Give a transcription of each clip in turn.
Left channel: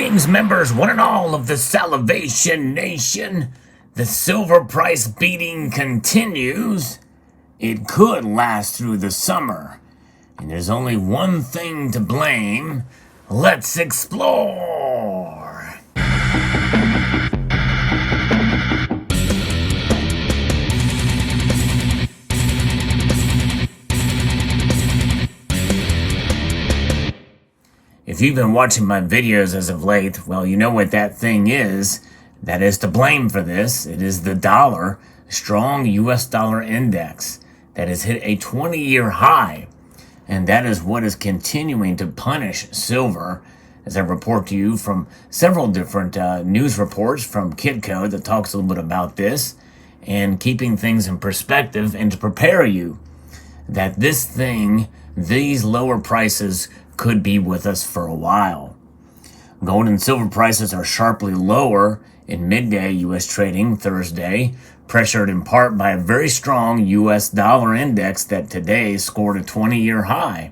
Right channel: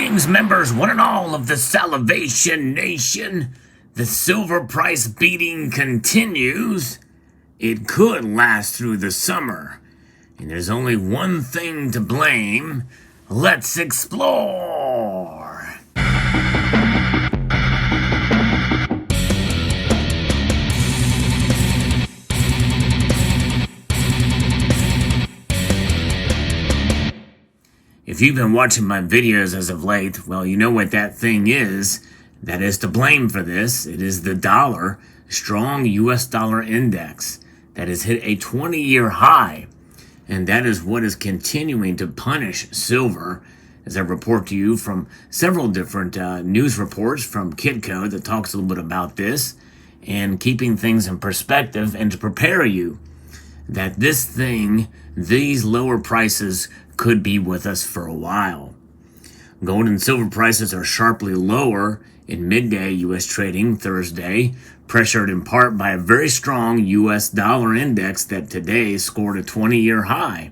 Greetings, members, one and all of the Salivation Nation. The silver price beating continues. It could last through the summer. And there's only one thing to blame. Let's explore. If you've been watching my videos as of late, well, you know what that thing is. That is to blame for this. It is the dollar, strong US dollar index that has hit a 20-year high. And that is what is continuing to punish silver, as I report to you from several different news reports from Kitco that talks a little bit about this, and keeping things in perspective and to prepare you that this thing, these lower prices, could be with us for a while. Gold and silver prices are sharply lower in midday U.S. trading Thursday, pressured in part by a very strong U.S. dollar index that today scored a 20-year high.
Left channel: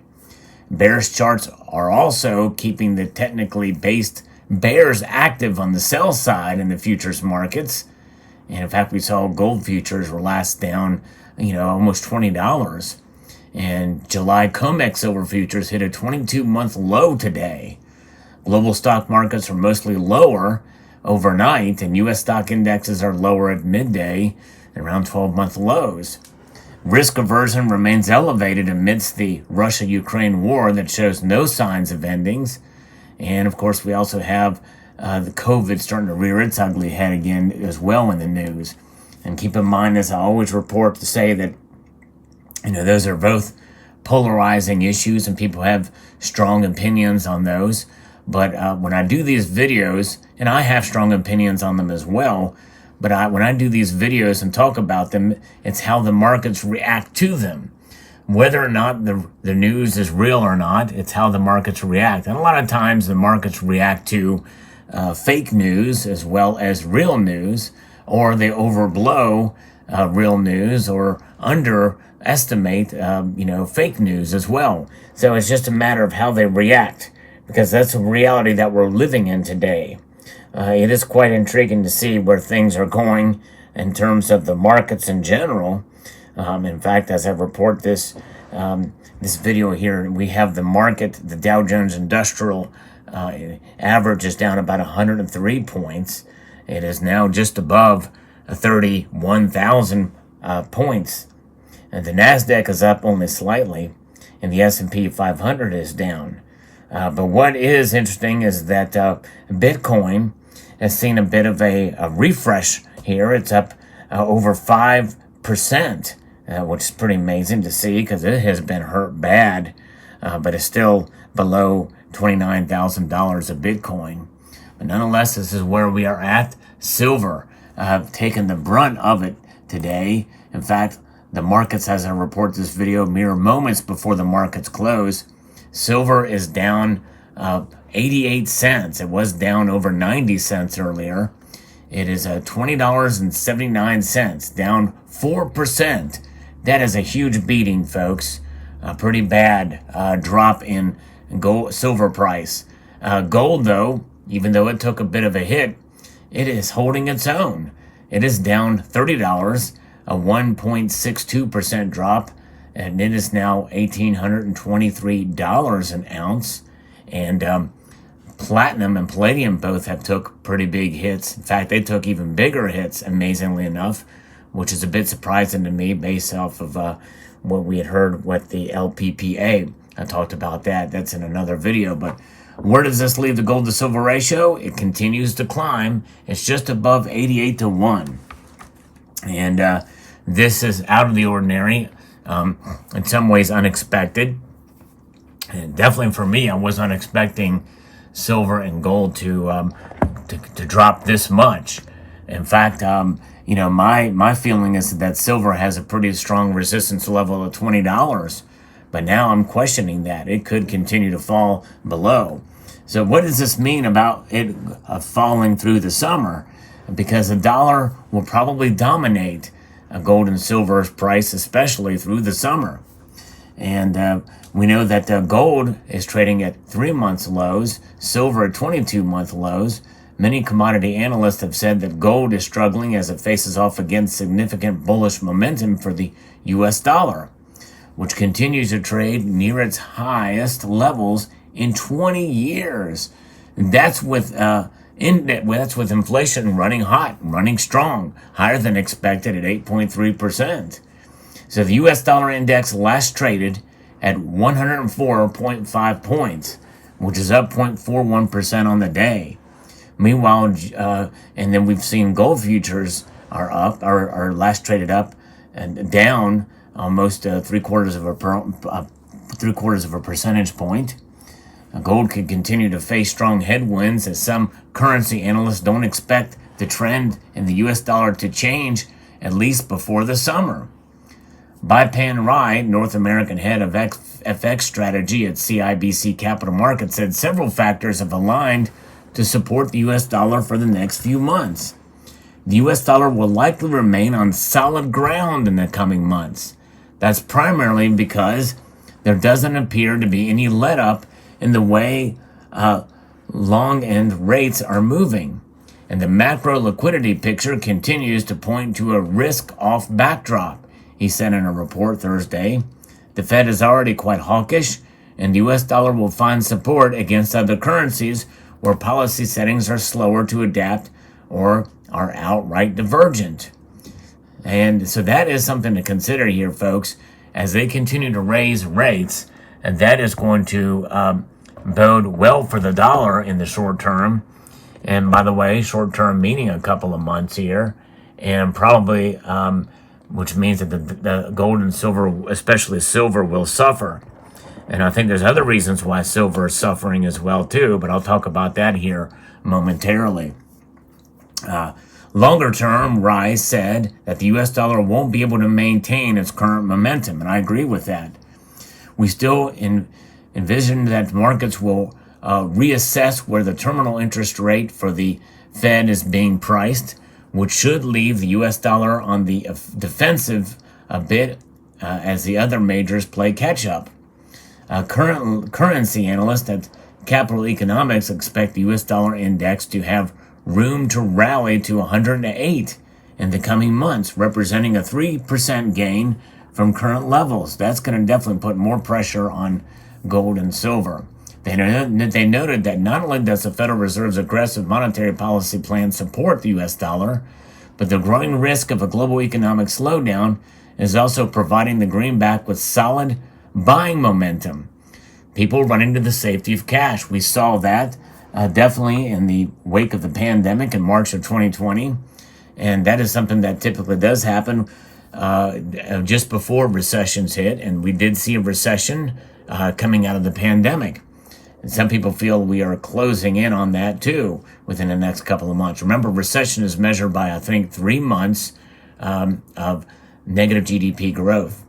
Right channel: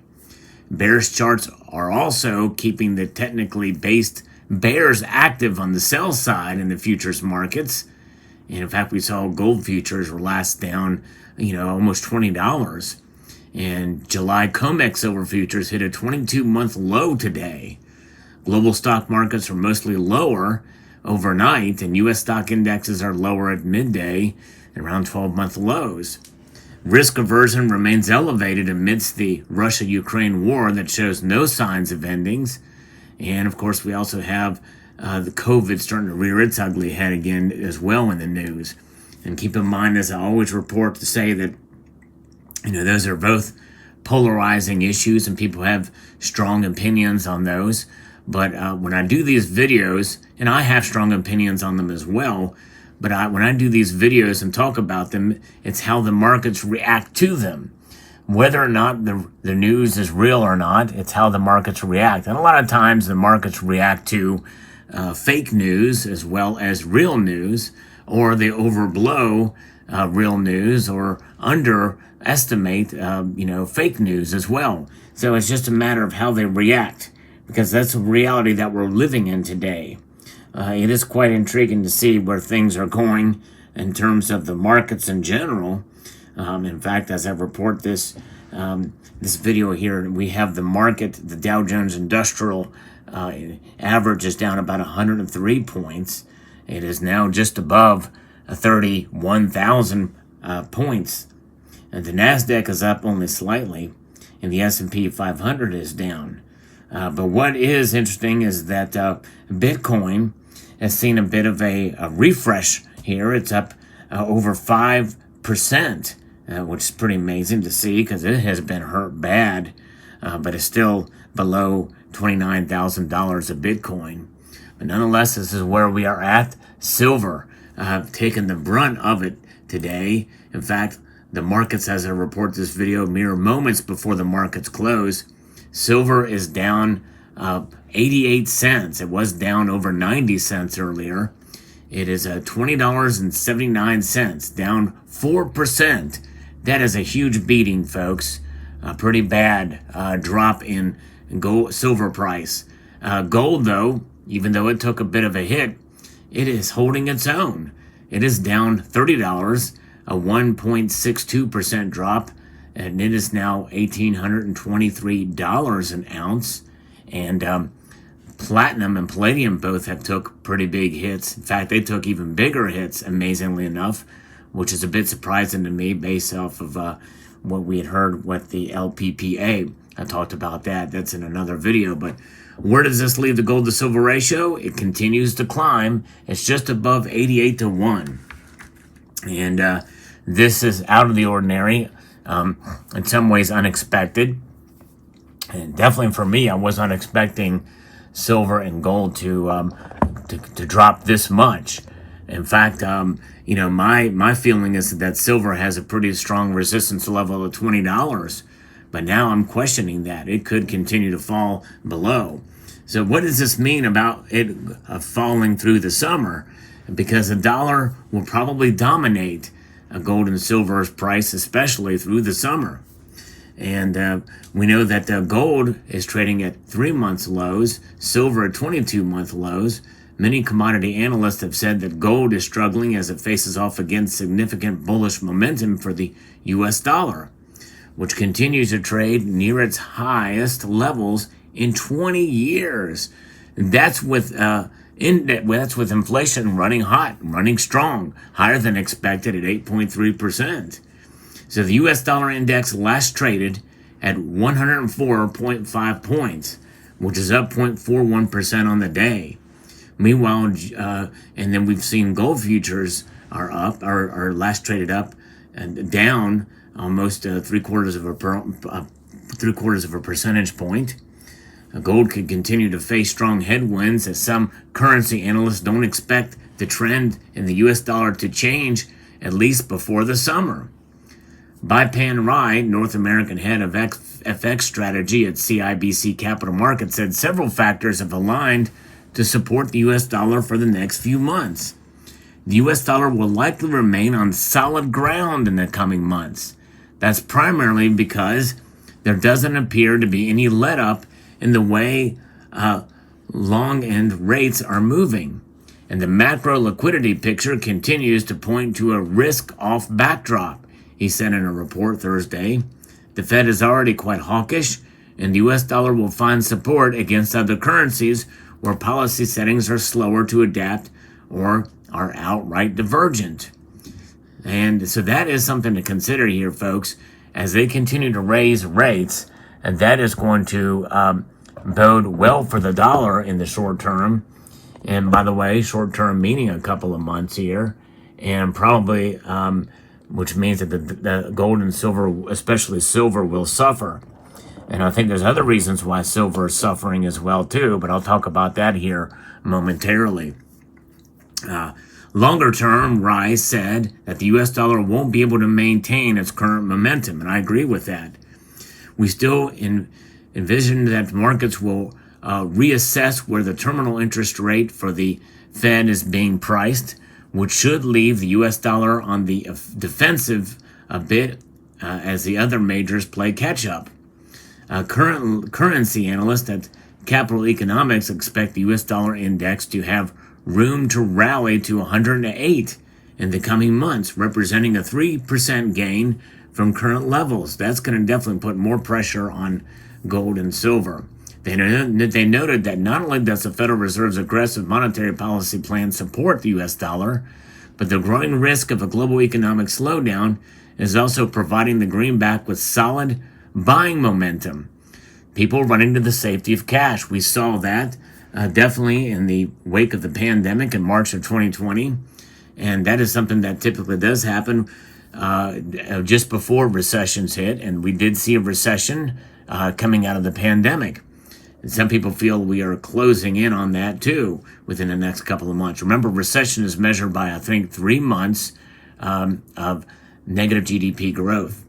Bearish charts are also keeping the technically based bears active on the sell side in the futures markets. And in fact, we saw gold futures were last down, almost $20. And July COMEX silver futures hit a 22-month low today. Global stock markets are mostly lower overnight, and U.S. stock indexes are lower at midday and around 12-month lows. Risk aversion remains elevated amidst the Russia-Ukraine war that shows no signs of endings. And, of course, we also have the COVID starting to rear its ugly head again as well in the news. And keep in mind, as I always report, to say that those are both polarizing issues and people have strong opinions on those. But when I do these videos, and I have strong opinions on them as well, but when I do these videos and talk about them, it's how the markets react to them. Whether or not the news is real or not, it's how the markets react. And a lot of times the markets react to fake news as well as real news, or they overblow real news or underestimate, fake news as well. So it's just a matter of how they react, because that's a reality that we're living in today. It is quite intriguing to see where things are going in terms of the markets in general. In fact, as I report this video here, we have the market, the Dow Jones Industrial average is down about 103 points. It is now just above 31,000 points. And the NASDAQ is up only slightly, and the S&P 500 is down. But what is interesting is that Bitcoin has seen a bit of a refresh here. It's up over 5%, which is pretty amazing to see because it has been hurt bad, but it's still below $29,000 of Bitcoin. But nonetheless, this is where we are at. Silver taken the brunt of it today. In fact, the markets, as I report this video, mere moments before the markets close, silver is down 88 cents. It was down over 90 cents earlier. It is $20.79, down 4%. That is a huge beating, folks. A pretty bad drop in silver price. Gold, though, even though it took a bit of a hit, it is holding its own. It is down $30, a 1.62% drop, and it is now $1,823 an ounce. And platinum and palladium both have took pretty big hits. In fact, they took even bigger hits, amazingly enough, which is a bit surprising to me based off of what we had heard with the LPPA. I talked about that. That's in another video. But where does this leave the gold to silver ratio? It continues to climb. It's just above 88 to 1. And this is out of the ordinary, in some ways unexpected. And definitely for me, I was not expecting silver and gold to drop this much. In fact, my feeling is that silver has a pretty strong resistance level of $20. But now I'm questioning that. It could continue to fall below. So what does this mean about it falling through the summer? Because the dollar will probably dominate gold and silver's price, especially through the summer. And we know that gold is trading at 3 months lows, silver at 22-month lows. Many commodity analysts have said that gold is struggling as it faces off against significant bullish momentum for the U.S. dollar, which continues to trade near its highest levels in 20 years. That's with inflation running hot, running strong, higher than expected at 8.3%. So the U.S. dollar index last traded at 104.5 points, which is up 0.41% on the day. Meanwhile, and then we've seen gold futures are up, are last traded up and down almost three quarters of a percentage point. Gold could continue to face strong headwinds as some currency analysts don't expect the trend in the U.S. dollar to change at least before the summer. Baipan Rai, North American head of FX strategy at CIBC Capital Markets, said several factors have aligned to support the U.S. dollar for the next few months. The U.S. dollar will likely remain on solid ground in the coming months. That's primarily because there doesn't appear to be any let-up in the way long-end rates are moving. And the macro liquidity picture continues to point to a risk-off backdrop, he said in a report Thursday. The Fed is already quite hawkish, and the U.S. dollar will find support against other currencies where policy settings are slower to adapt or are outright divergent. And so that is something to consider here, folks, as they continue to raise rates, and that is going to bode well for the dollar in the short term. And by the way, short term meaning a couple of months here, and probably which means that the gold and silver, especially silver, will suffer. And I think there's other reasons why silver is suffering as well too, but I'll talk about that here momentarily. Longer term, Rise said that the U.S. dollar won't be able to maintain its current momentum, and I agree with that. We still envision that markets will reassess where the terminal interest rate for the Fed is being priced, which should leave the U.S. dollar on the defensive a bit as the other majors play catch-up. Currency analysts at Capital Economics expect the U.S. dollar index to have room to rally to 108 in the coming months, representing a 3% gain from current levels. That's going to definitely put more pressure on gold and silver. They noted that not only does the Federal Reserve's aggressive monetary policy plan support the U.S. dollar, but the growing risk of a global economic slowdown is also providing the greenback with solid buying momentum. People running to the safety of cash. We saw that definitely in the wake of the pandemic in March of 2020, and that is something that typically does happen just before recessions hit, and we did see a recession coming out of the pandemic. And some people feel we are closing in on that too within the next couple of months. Remember, recession is measured by, I think, 3 months of negative GDP growth.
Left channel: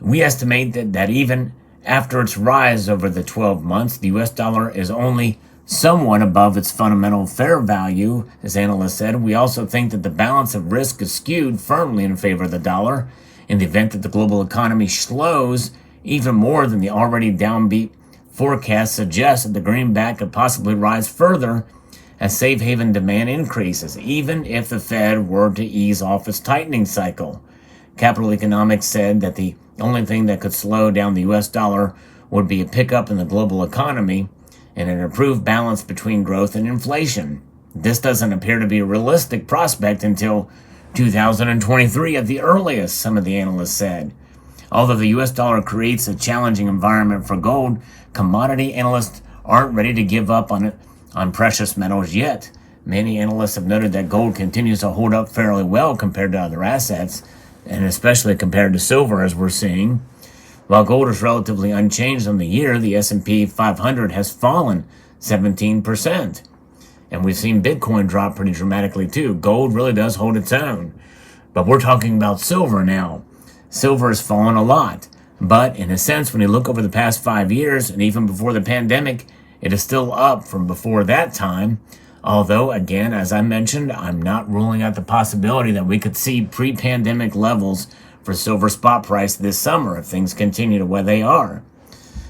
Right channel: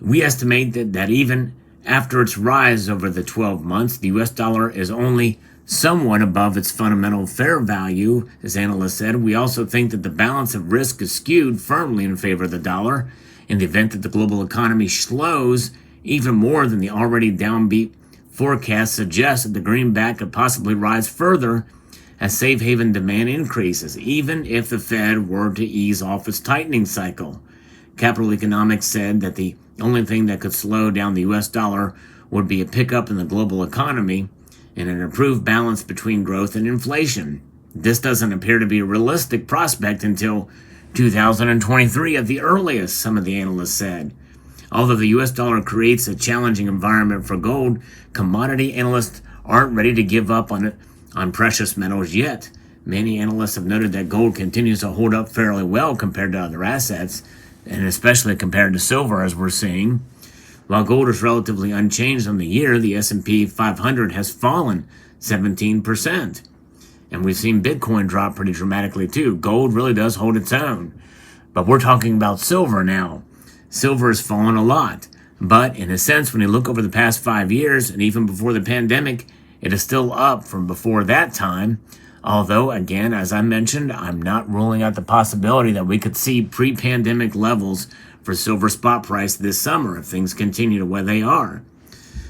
We estimate that even after its rise over the 12 months, the U.S. dollar is only somewhat above its fundamental fair value, as analysts said. We also think that the balance of risk is skewed firmly in favor of the dollar in the event that the global economy slows even more than the already downbeat forecast suggests. That the greenback could possibly rise further as safe haven demand increases, even if the Fed were to ease off its tightening cycle. Capital Economics said that the only thing that could slow down the U.S. dollar would be a pickup in the global economy and an improved balance between growth and inflation. This doesn't appear to be a realistic prospect until 2023 at the earliest, some of the analysts said. Although the U.S. dollar creates a challenging environment for gold, commodity analysts aren't ready to give up on precious metals yet. Many analysts have noted that gold continues to hold up fairly well compared to other assets, and especially compared to silver, as we're seeing. While gold is relatively unchanged on the year, the S&P 500 has fallen 17%. And we've seen Bitcoin drop pretty dramatically too. Gold really does hold its own. But we're talking about silver now. Silver has fallen a lot. But in a sense, when you look over the past 5 years, and even before the pandemic, it is still up from before that time. Although, again, as I mentioned, I'm not ruling out the possibility that we could see pre-pandemic levels for silver spot price this summer if things continue the way they are.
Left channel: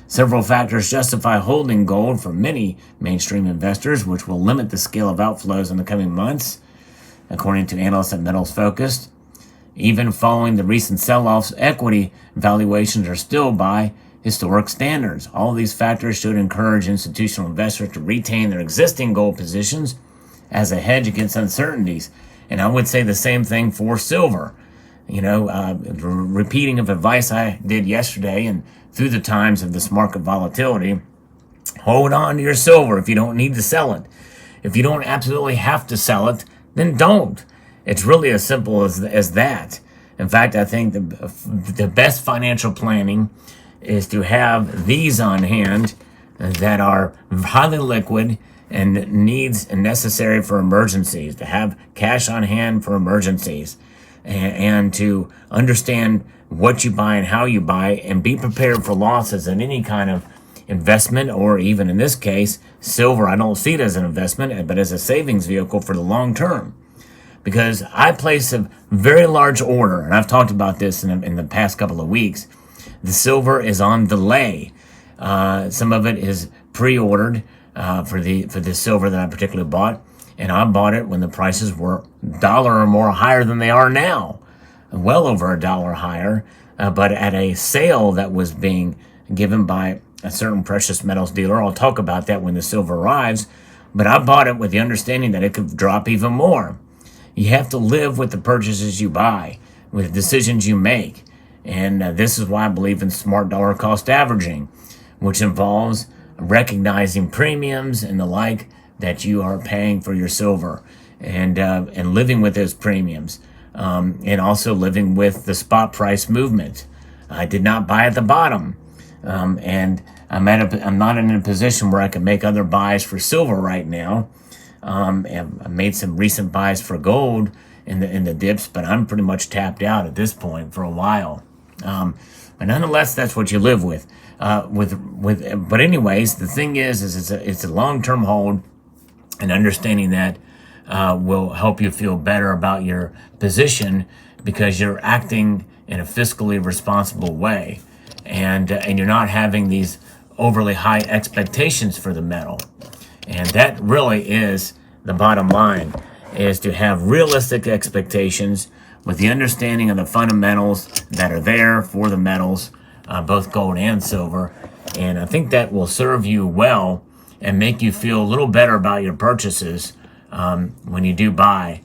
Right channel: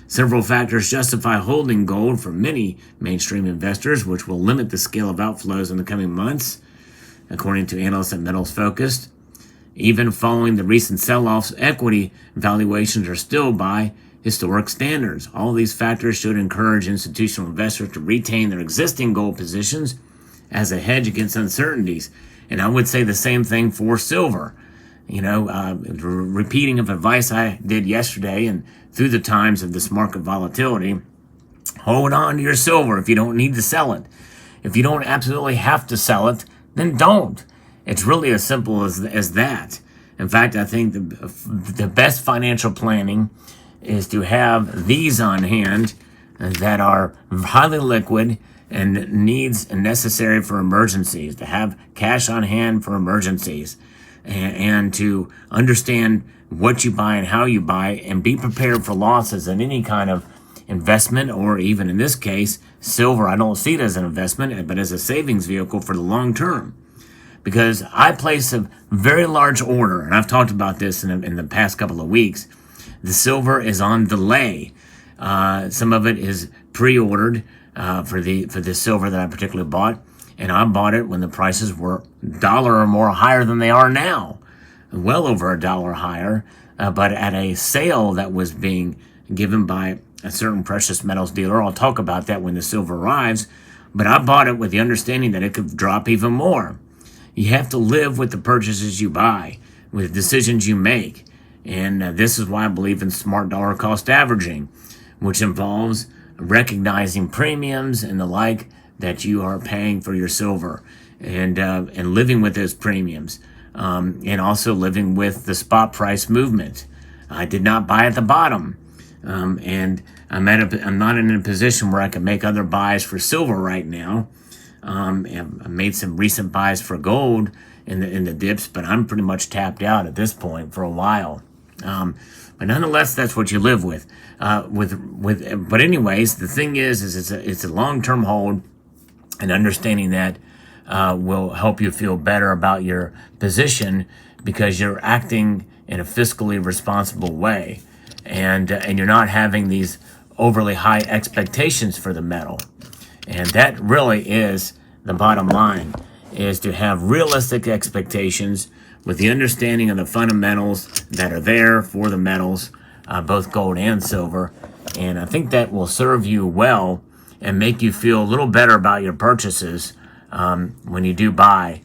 Several factors justify holding gold for many mainstream investors, which will limit the scale of outflows in the coming months, according to analysts at Metals Focused. Even following the recent sell-offs, equity valuations are still by historic standards. All these factors should encourage institutional investors to retain their existing gold positions as a hedge against uncertainties. And I would say the same thing for silver. Repeating of advice I did yesterday and through the times of this market volatility, hold on to your silver if you don't need to sell it. If you don't absolutely have to sell it, then don't. It's really as simple as that. In fact, I think the best financial planning is to have these on hand that are highly liquid and needs and necessary for emergencies, to have cash on hand for emergencies, and to understand what you buy and how you buy and be prepared for losses in any kind of investment, or even in this case, silver. I don't see it as an investment, but as a savings vehicle for the long term. Because I place a very large order, and I've talked about this in the past couple of weeks. The silver is on delay. Some of it is pre-ordered for the silver that I particularly bought, and I bought it when the prices were $1 or more higher than they are now, well over $1 higher, but at a sale that was being given by a certain precious metals dealer. I'll talk about that when the silver arrives, but I bought it with the understanding that it could drop even more. You have to live with the purchases you buy, with the decisions you make. And this is why I believe in smart dollar cost averaging, which involves recognizing premiums and the like that you are paying for your silver, and living with those premiums, and also living with the spot price movement. I did not buy at the bottom, and I'm not in a position where I can make other buys for silver right now. And I made some recent buys for gold in the dips, but I'm pretty much tapped out at this point for a while. But nonetheless, that's what you live with. But anyways, the thing is it's a long-term hold, and understanding that will help you feel better about your position because you're acting in a fiscally responsible way, and you're not having these overly high expectations for the metal. And that really is the bottom line, is to have realistic expectations with the understanding of the fundamentals that are there for the metals, both gold and silver. And I think that will serve you well and make you feel a little better about your purchases when you do buy,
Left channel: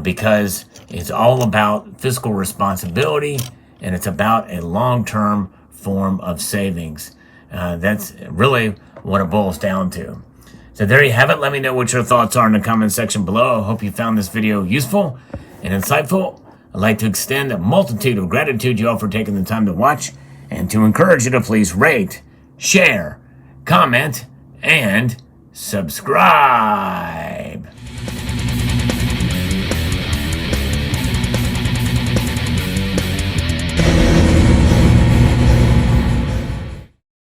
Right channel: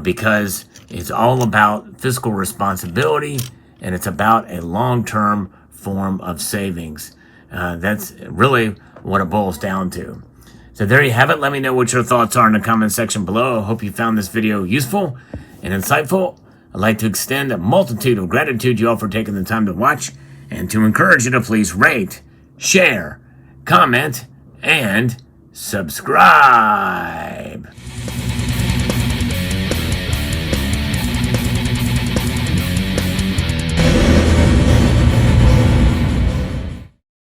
because it's all about fiscal responsibility, and it's about a long-term form of savings. That's really what it boils down to. So there you have it. Let me know what your thoughts are in the comment section below. I hope you found this video useful and insightful. I'd like to extend a multitude of gratitude to you all for taking the time to watch, and to encourage you to please rate, share, comment, and subscribe.